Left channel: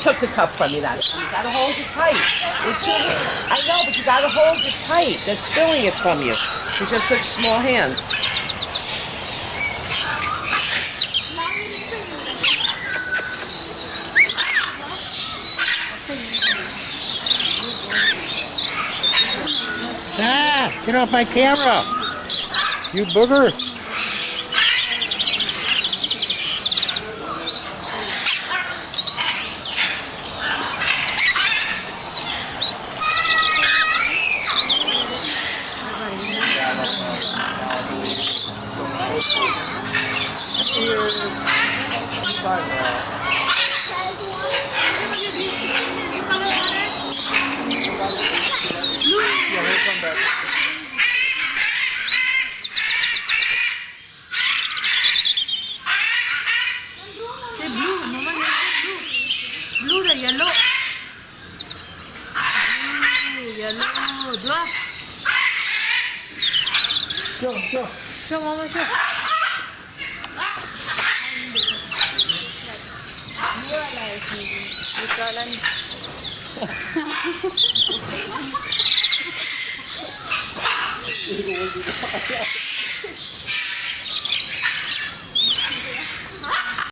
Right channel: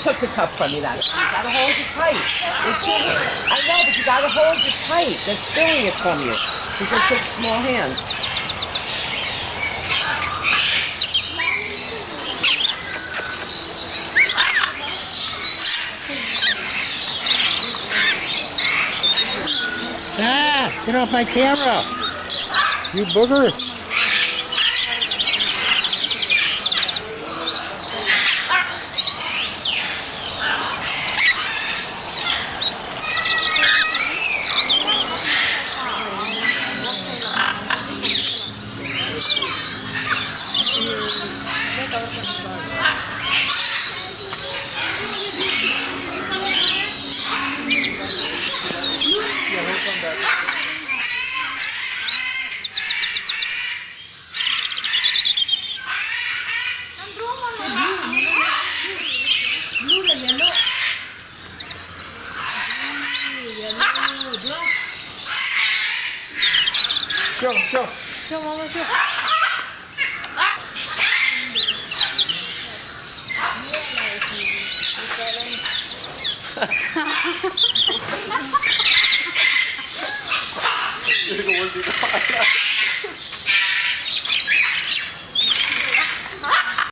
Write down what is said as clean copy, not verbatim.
took the cup from me. That you gotta hold it tight. I know, but you gotta hold it tight. They're spilling it from you. With just such small hands. Ah, get off my camera, you booger. Blue or yellow? Yellow. Drop. Show, mama, show.